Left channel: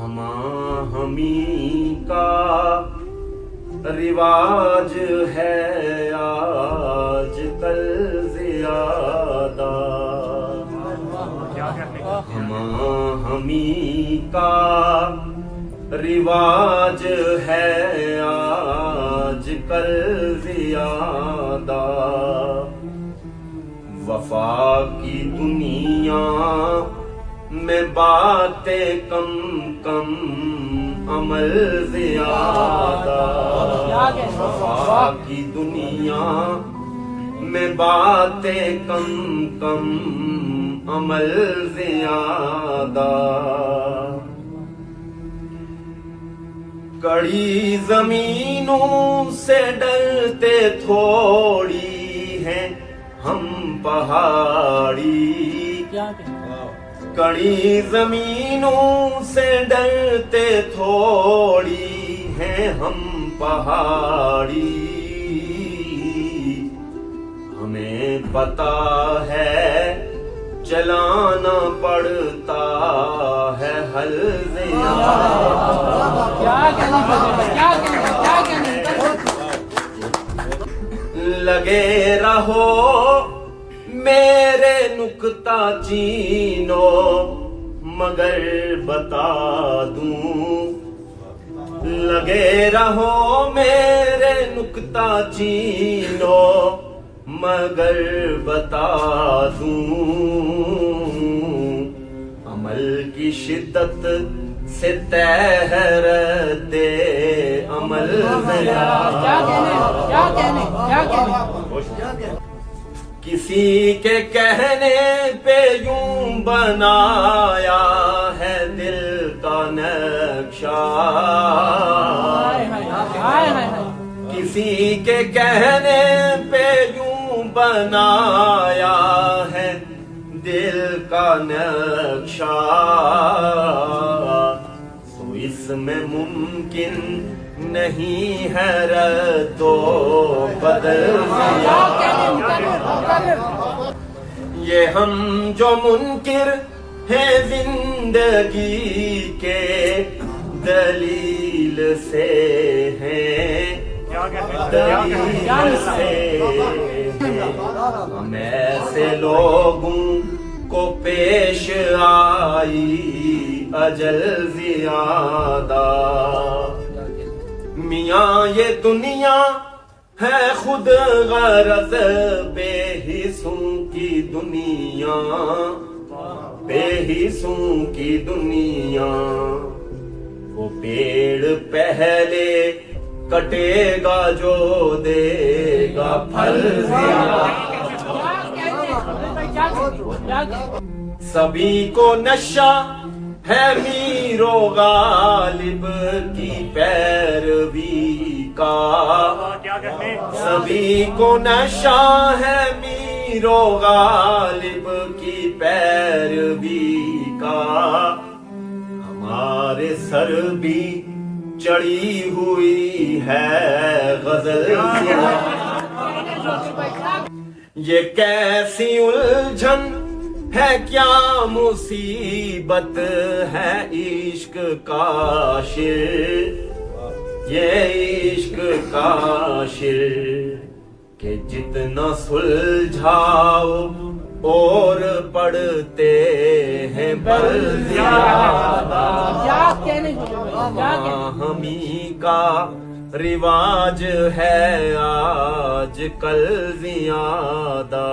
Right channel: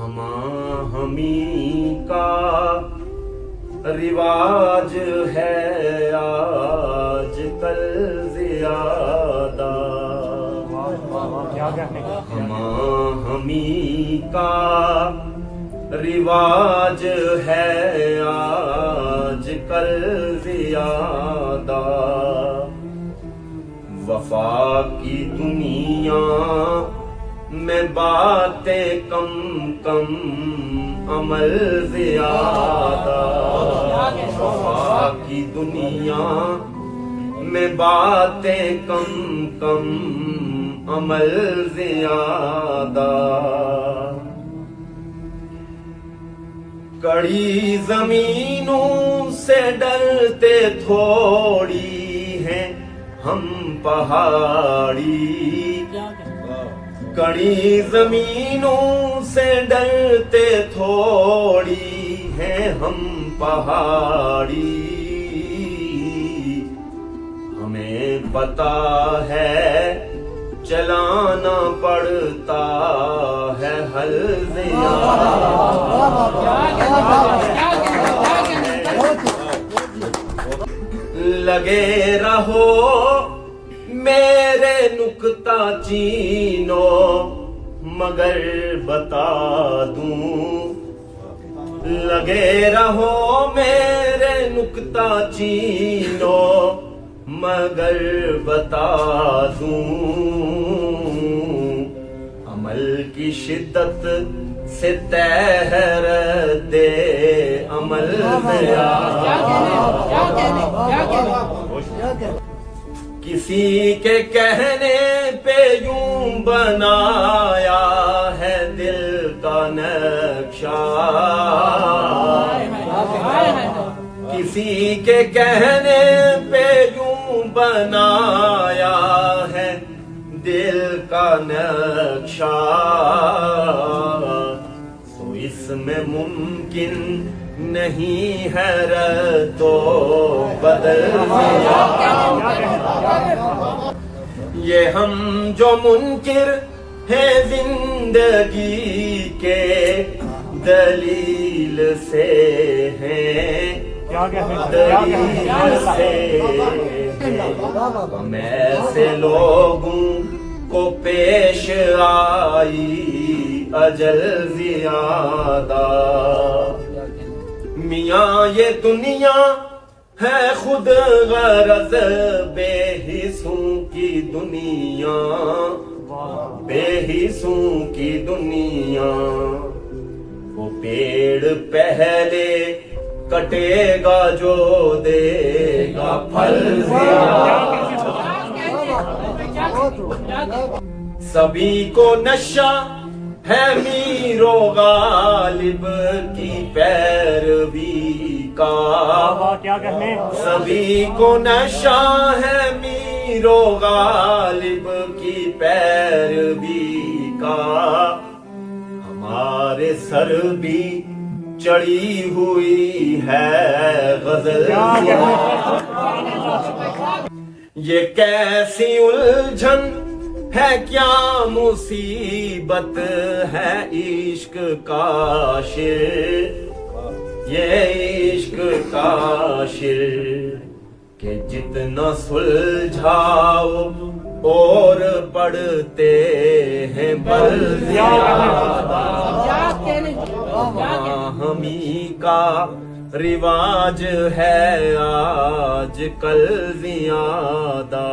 ہمیں کا رواج ہے آج کل زیادہ، ہمیں کا رواج ہے آج کل زیادہ، وفا کی دنیا میں باتیں کم کم عمل زیادہ، وفا کی دنیا میں باتیں کم کم عمل زیادہ، کڑی زمینوں سے ڈرتے تھوڑی ہیں ہم پہاڑی، کڑی زمینوں سے ڈرتے تھوڑی ہیں ہم پہاڑی، ہمیں پتا ہے چلانا پڑتا ہے حل زیادہ، لگے رہو میرے نکتہ چینو مگر بتا دوں، لگے رہو میرے نکتہ چینو مگر بتا دوں، عمل کی شدت سے تہر دے عمل کسی کے کہنے پہ یوں بنایا ہے دل کا نقشہ، کسی کے کہنے پہ یوں بنایا ہے دل کا نقشہ، تو اس میں ممکن نہیں ہے رد و بدل، یہ ہم جو منکر ہیں زندگی کے دلیل سے ہیں، دلیل سے ہیں، ہم ایسے لوگوں کو پیش آئی اجل زیادہ، میاں یہ دنیا ہے خود غرض بے حصوں کی دنیا، بے حصوں کی دنیا، وہ پیڑ پہلے کٹے گا جو دے گا پھل زیادہ، سبھی کو نشہ ہے میر و غالب کی پیروی کا، سبھی کو نشہ ہے میر و غالب کی پیروی کا، ہمارے سر بھی چڑھی ہوئی ہے غزل، یہ کیسی الجھن ہے کیا مصیبت ہے عشق کا شر، یہ عشق کا شر کہ جتنا سلجھاؤ اور پڑھتے ہیں بل زیادہ، ہمیں کا رواج ہے آج کل زیادہ۔